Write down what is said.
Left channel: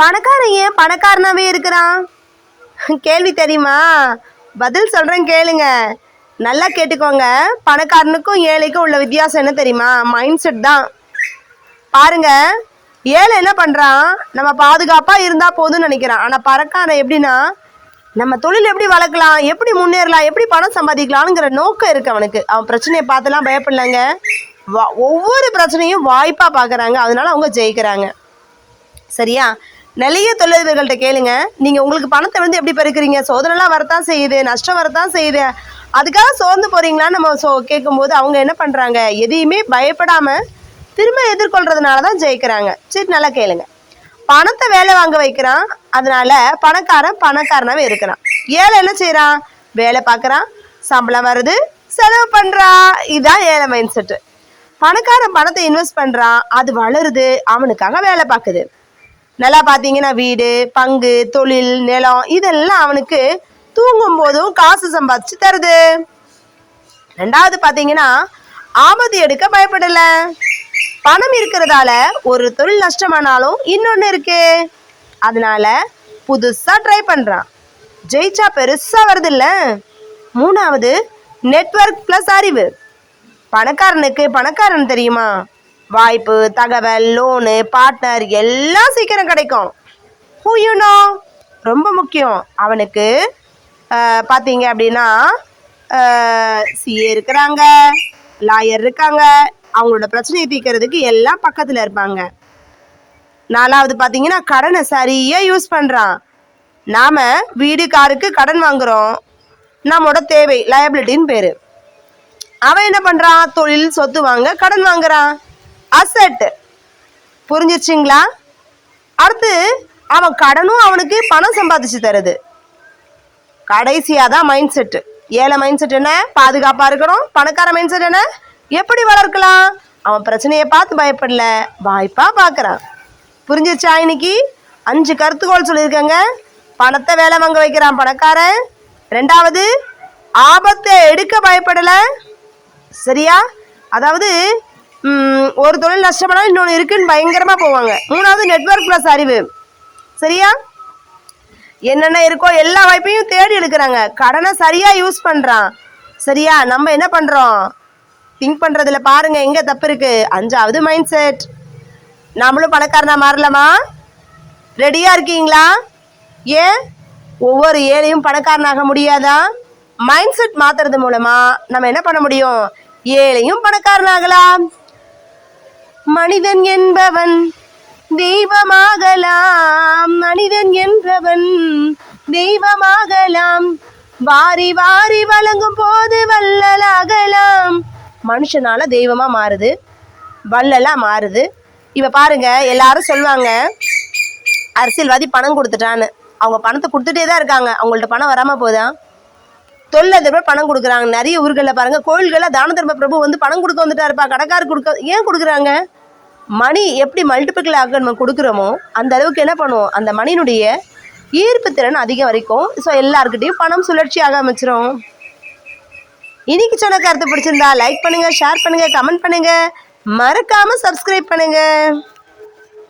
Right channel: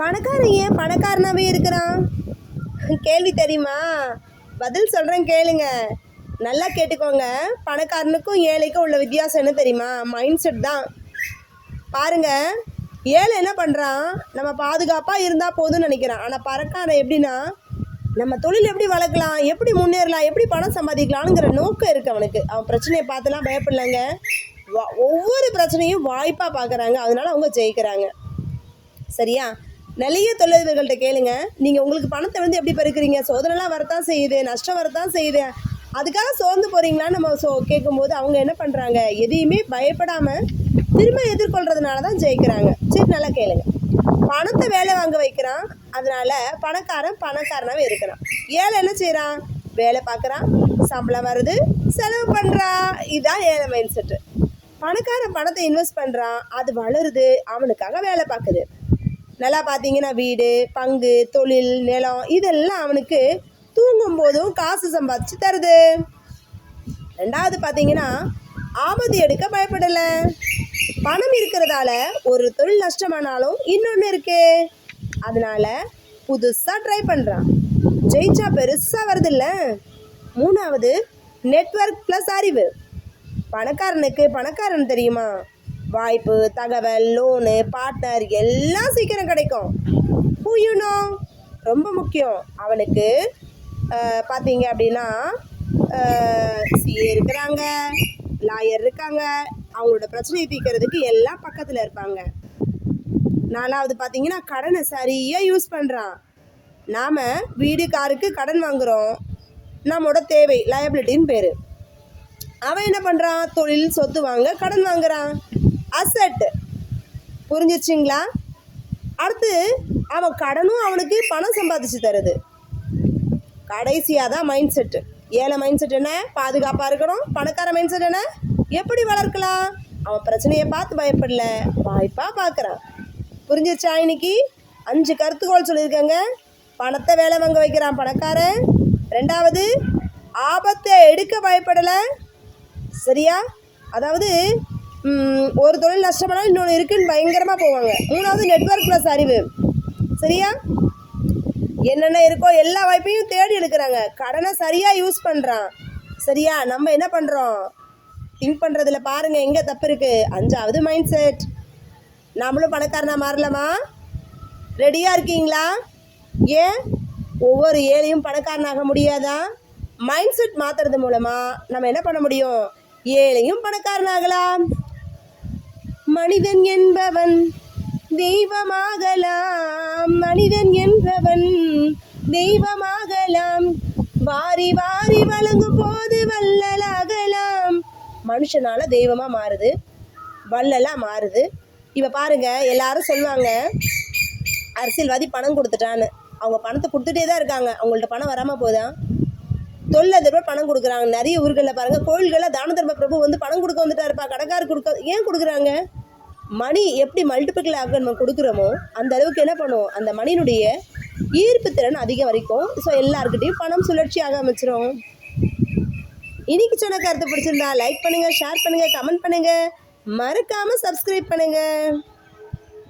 பணக்காரன் ஏன் பணக்காரனாவே இருக்கிறான்? கேள்வி தெரியுமா? பதில் சொல்கிறேன் கேளுங்க. நல்லா கேட்டுக்கோங்க. பணக்காரனுக்கும் ஏழைக்கும் உள்ள வித்தியாசம் என்ன தெரியுமா? மைண்ட் செட் தான். பாருங்க, ஏழை என்ன பண்ணுறான், நம்ம பாதுகாப்பாக இருந்தால் போதும்னு நினைக்கிறான். ஆனால் பணக்காரன் எப்படின்னா, நம்ம தொழில் எப்படி வளர்க்கலாம், எப்படி முன்னேறலாம், எப்படி பணம் சம்பாதிக்கலாம்ங்கிற நோக்கம் இருக்குது அவனுக்கு. அவன் பிரச்சனையை பார்த்துலாம் பயப்படலைங்க. ஒவ்வொரு பிரச்சனையும் வாய்ப்பாக பார்க்குறாங்க. அதனால அவங்க ஜெயிக்கிறாங்க. சரியா? நிறைய தொழிலதிபர்கள்ட்ட கேளுங்க, நீங்கள் உங்களுக்கு பணத்தை வந்து எப்படி பெருக்கிறீங்க? சோதனைலாம் வரத்தான் செய்யுது, நஷ்டம் வரத்தான் செய்யுது, அதுக்காக சோர்ந்து போகிறீங்களான்னு நம்ம கேட்கும்போது அவங்க என்ன பண்ணுறாங்க, எதையுமே பயப்படாமல் திரும்ப எதிர்கொள்கிறதுனால தான் ஜெயிக்கிறாங்க. சரி, நல்லா கேளுங்க. பணத்தை வேலை வாங்க வைக்கிறான், அதனால பணக்காரனாவே இருக்கிறான். ஏழை என்ன செய்கிறான்? வேலை பார்க்குறான், சம்பளம் வருது, செலவு பண்ணுறான். இதுதான் ஏழை மைண்ட் செட்டு. பணக்காரன் பணத்தை இன்வெஸ்ட் பண்ணுறான், அது வளருது, அவனுக்காக வேலை பார்க்குது. நல்லா பார்த்தீங்கன்னா வீடு, பங்கு, தொழில், நிலம் இதெல்லாம் அவனுக்கு தூங்கும் போதும் காசு சம்பாதிச்சு தருது. ரெண்டாவது பார்த்தீங்கன்னா ஆபத்து எடுக்க பயப்படலை. பணம் இருக்கிறதால ஒரு தொழில் நஷ்டமானாலும் இன்னொன்று இருக்கு, அதனால புதுசாக ட்ரை பண்ணுறான். ஜெயிச்சா பெருசாக வருது இல்லை? மூணாவது நெட்வொர்க் ப்ளஸ் அறிவு. பணக்காரனுக்கு பணக்காரன் தெரியுமா? வாய்ப்பு, தகவல், லோனு, பார்ட்னர் எல்லாம் சீக்கிரம் கிடைக்கும். ஹூ யூ நோ ரொம்ப முக்கியம். அவனுக்கு பார்த்தீங்க அப்படின்னா சிஏ இருக்கிறாங்க, லாயர் இருக்காங்க, அவங்களோட பிரச்சனையை தீர்க்கறதுக்கு எல்லாம் பக்கத்தில் இருப்பாங்க. நாலாவது பார்த்தீங்கன்னா கடனை சரியாக யூஸ் பண்ணுறான். நாம் வீடு, காருக்கு கடன் வாங்குகிறோம், நம்மளோட தேவை லயபிலிட்டின்னு பேர். அவன் என்ன பண்ணுறான்? தொழில், சொத்து வாங்க கடன் வாங்குறான், அசெட். புரிஞ்சிருச்சிங்களா? அடுத்து அவன் கடனும் அவனுக்கு பணம் சம்பாதிச்சு தருது. கடைசியாக தான் மைண்ட் செட்டு. ஏழை மைண்ட் செட் என்ன? பாதுகாப்பாக இருக்கணும். பணக்கார மைண்ட் செட் என்ன? எப்படி வளர்க்கலாம்? அவன் பிரச்சனையை பார்த்து பயப்படல, வாய்ப்பாக பார்க்குறான். புரிஞ்சிருச்சா? இன்னைக்கு 5 கருத்துக்கோள் சொல்லியிருக்கேங்க. பணத்தை வேலை வாங்க வைக்கிறான் பணக்காரன். ரெண்டாவது, ஆபத்தை எடுக்க பயப்படலை. சரியா? அதாவது ஒரு தொழில் நஷ்டமானாலும் இன்னொன்று இருக்குன்னு பயங்கரமாக போவாங்க. மூணாவது நெட்வொர்க் ப்ளஸ் அறிவு. சரியா? என்னென்ன இருக்கோ எல்லா வாய்ப்பையும் தேடி எடுக்கிறாங்க. கடனை சரியாக யூஸ் பண்ணுறான். சரியா? நம்ம என்ன பண்ணுறோம்? திங்க் பண்ணுறதுல பாருங்கள் எங்கே தப்பு இருக்குது. 5வது மைண்ட் செட். நம்மளும் பணக்காரனா மாறலாமா? ரெடியாக இருக்கீங்களா? ஏன் ஒவ்வொரு ஏழையும் பணக்காரனாக முடியாதா? மைண்ட் செட் மாற்றுறது மூலமாக நம்ம என்ன பண்ண முடியும்? ஏழையும் பணக்காரனாகலாம். மனிதன் என்பவன் தெய்வமாகலாம், மனிதன் என்பவன் தெய்வமாகலாம், வாரி வாரி வழங்கும் போது வள்ளலாகலாம். மனுஷனால தெய்வமா மாறுது, வள்ளலா மாறுது. இப்போ பாருங்க, எல்லாரும் சொல்லுவாங்க அரசியல்வாதி பணம் கொடுத்துட்டான்னு. அவங்க பணத்தை கொடுத்துட்டே தான் இருக்காங்க, அவங்கள்ட்ட பணம் வராமல் போதா? தொழிலதிபர் பணம் கொடுக்குறாங்க. நிறைய ஊர்களில் பாருங்கள், கோயில்களில் தான தர்ம பிரபு வந்து பணம் கொடுக்க வந்துட்டா இருப்பா, கடைக்காரர் கொடுக்க. ஏன் கொடுக்குறாங்க? மணி எப்படி மல்டிபிள் ஆக நம்ம கொடுக்குறோமோ அந்த அளவுக்கு என்ன பண்ணுவோம், அந்த மணியினுடைய ஈர்ப்பு திறன் அதிகம் வரைக்கும். ஸோ எல்லாருக்கிட்டையும் பணம் சுழற்சியாக அமைச்சிரும். இன்னைக்கு சொன்ன கருத்து பிடிச்சிருந்தா லைக் பண்ணுங்கள், ஷேர் பண்ணுங்கள், கமெண்ட் பண்ணுங்கள், மறக்காமல் சப்ஸ்கிரைப் பண்ணுங்கள்.